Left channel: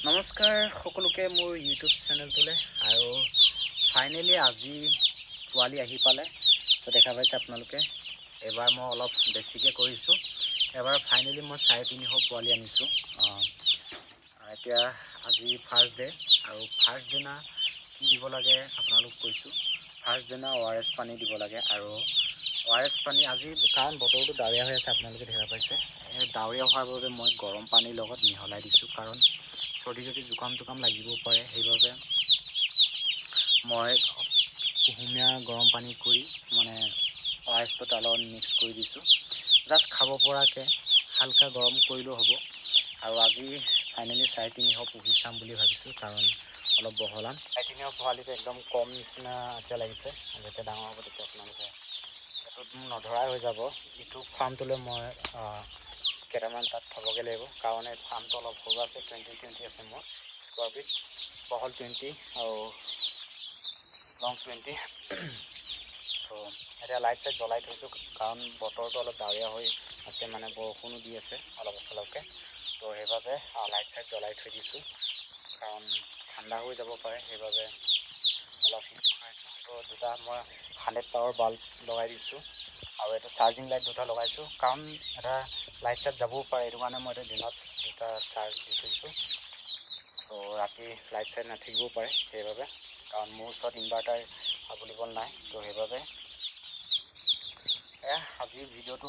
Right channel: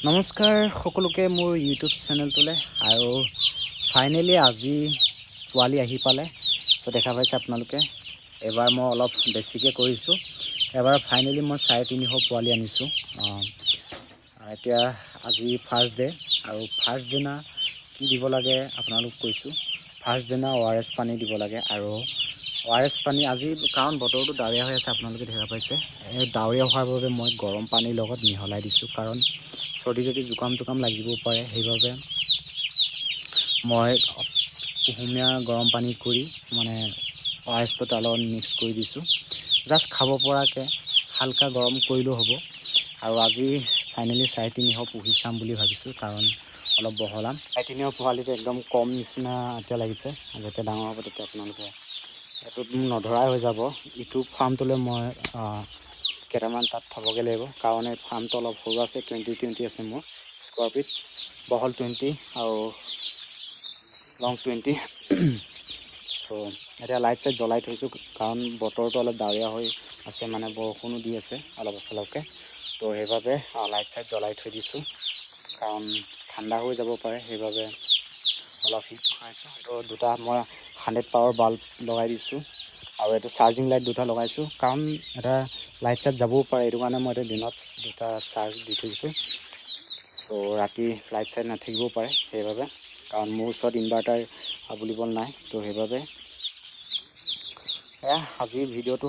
নমস্কাৰ সকলোকে মোৰ ইউটিউব চেনেলটোলৈ আৰু ফাইনেলি আজি পোৱালি আহি পালে। চ' দেখা পাইছে আপোনালোকে। এবাৰ মই অলপ বেছিকৈ কৰিছোঁ। এবাৰ ফাইনেলি মই চাৰে তিনিশ পোৱালি আনিছোঁ। এতিয়া আজি ফাৰ্ষ্ট ডে আৰু ফাৰ্ষ্ট দিনা কি দিব লাগে আপোনালোক কৈছোঁ। ফাৰ্ষ্ট দিনা অ' আৰ এছ পানী দিব লাগে। আৰু অ' আৰ এছ পানী আজি কাৰণ বতৰটো ডাৱৰীয়া হৈ আছে আপোনালোকে দেখা পাইছে। ডাৱৰীয়া হোৱাৰ বাবে মই গৰম পানীৰ লগত মিহলাই দিছোঁ। কাৰণ চৰ্দি যদি জোকাম চোকাম লাগিব পাৰে, সেইবাবে মই কুহুমীয়া গৰম পানী কৰি মানে অ' এছটো তাৰ লগত মিক্স কৰি দিছোঁ। জাষ্ট খাব পৰাকৈ হালকা গৰম কৰিলেও হ'ব। আৰু আজি ফাইনেলি চাৰে তিনিশ পুহি চাম বুলি ভাবিছোঁ কাৰণ অলপ বহলাম। চাৰে তিনিশ পোৱালিটো একদম কম নিচিনা এতিয়া লাগিছে। যেতিয়া ডাঙৰ হ'ব তেতিয়া আপোনালোকে এইটোত মোক নধৰাই হৈ যাব। ইটো ফাৰ্মটোলৈ মই কেইটামান তাত থ'বগৈ লাগিব। কাৰণ ফাৰ্মটো অলপ সৰু আছে, টুৱেণ্টি টুৱেণ্টি আছে মোৰ স্কোৱাৰ ফিট বহল টুৱেণ্টি আৰু লং টুৱেণ্টি। চ' এতিয়া লাইট চাইট জ্বলাই থৈছোঁ, কাৰণ বতৰটো অলপ ডাৱৰীয়া হৈ আছে মানে বৰষুণো দি আছে অলপ চলপকৈ তো সেইবাবে লাইট চাইট জ্বলাই থৈ দিছোঁ, কাৰণ ঠাণ্ডা হৈ যাব পাৰে, সেইবাবে অলপ হিট খুৱাইছোঁ এইটো দুটা মই হাণ্ড্ৰেড পাৱাৰ বাল্ব লগাই দিছোঁ, আৰু এইটো চাৰ্জিং লাইট দুটা লগাইছোঁ, কাৰণ এটা লাইট চাইট যাবও পাৰে, এইটো কাৰণে মই এতিয়া দিনত দুটা চাৰ্জ দি থৈছোঁ। চ' ৰাতি লাইট চাইট নাথাকিবও পাৰে সেইবাবে, কাৰণ মোৰ ওচৰত ইনভাৰ্টাৰ বুলিবলৈ নাই, তো সেইবাবে এয়া আজিৰ ভিডিঅ'টো